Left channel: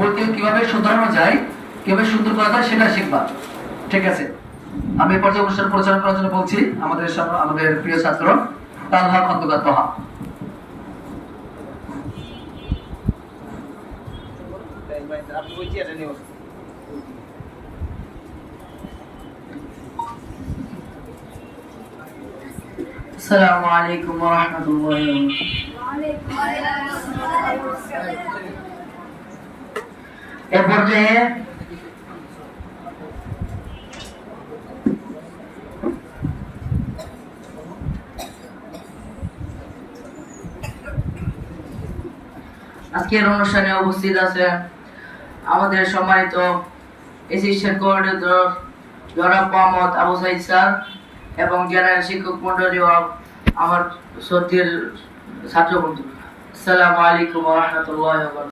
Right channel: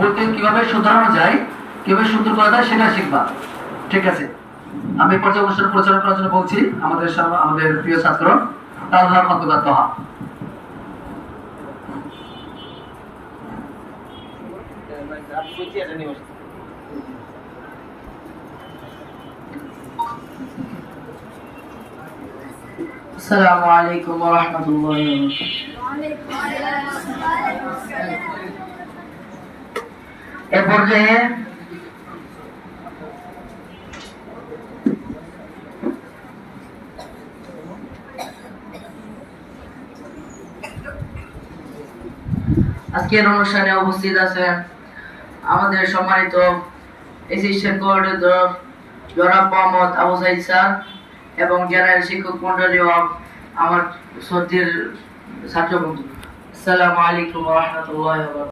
ভুলকে কিভাবে শুধরানো যায়, কিভাবে সুন্দর করা যায় সেটা শিখবা। ঠিক আছে, আমি এই পর্যায়ে অনুষ্ঠান পরিচালনা করার জন্য বলছি আমাদের প্রিয় ছাত্র তালহা খন্দকার তোহা। السلام عليكم ورحمة الله وبركاته। এ পর্যায়ে আজকের অনুষ্ঠানে উপস্থিত আছেন আমাদের সম্মানিত অ্যাসিস্ট্যান্ট কোঅর্ডিনেটর জনাব মোহাম্মদ আবু সাইদ স্যার এবং জেনারেল শিক্ষক মন্ডলী ও আমার শ্রদ্ধেয় ছাত্র বন্ধু। আসসালামু আলাইকুম ওয়া রাহমাতুল্লাহি ওয়া বারাকাতুহু।